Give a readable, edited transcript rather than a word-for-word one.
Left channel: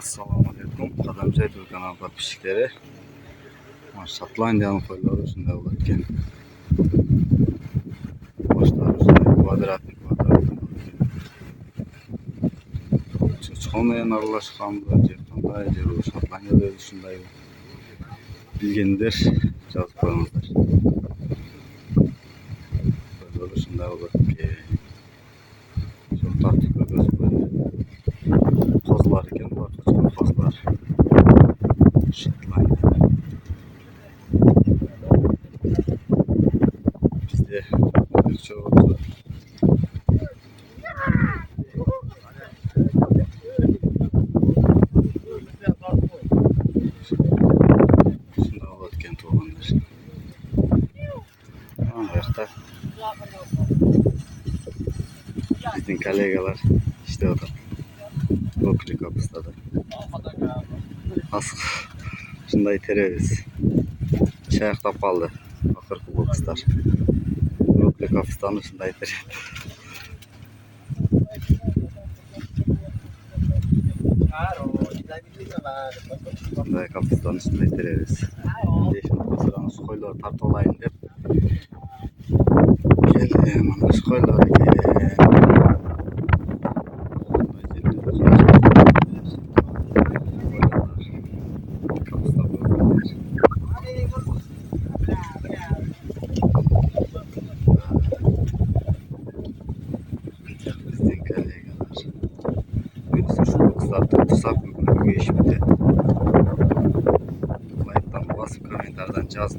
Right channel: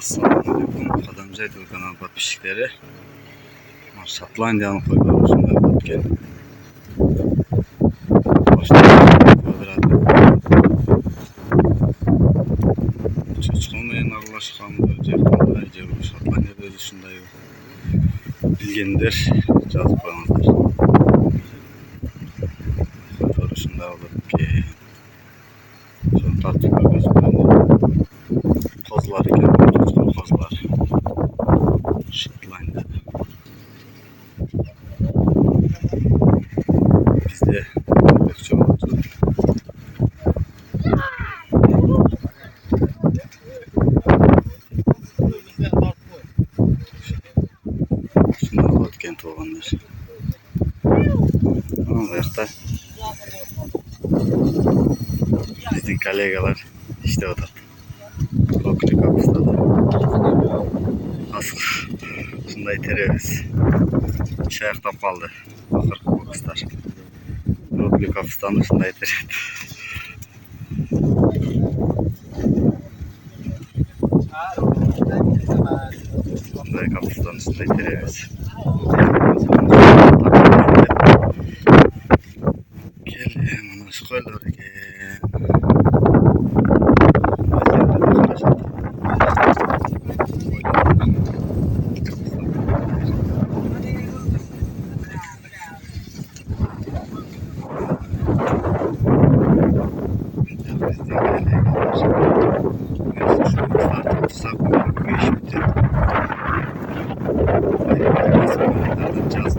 Assalamualaikum. Qadamcı YouTube kanal подписчиктері. Шотландияның қойлары осындай болады екен. Квадратный. Чоқчықалмен араласқан жер қандай жер Шотландияда осындай білгендер жазып қойыңыздар. Қойлар осындай болады екен. Соны тартып көргізіп Kozlar ekan, kozlar. Şotlandiyada. Bizde pek çok oldu. Şunlar oldu kent olanlar. Tamam, ayakta. Bizim kolegalar işte o da. Brokoli kapısı da. Asıl şunday teremiz. Şayaqtap kaldı. Akırkı kokuşlar. Brokoli kapısından şunday teredi. Şunday kapısından şunday teremiz. Geldim ana şu koyları geldim. Caz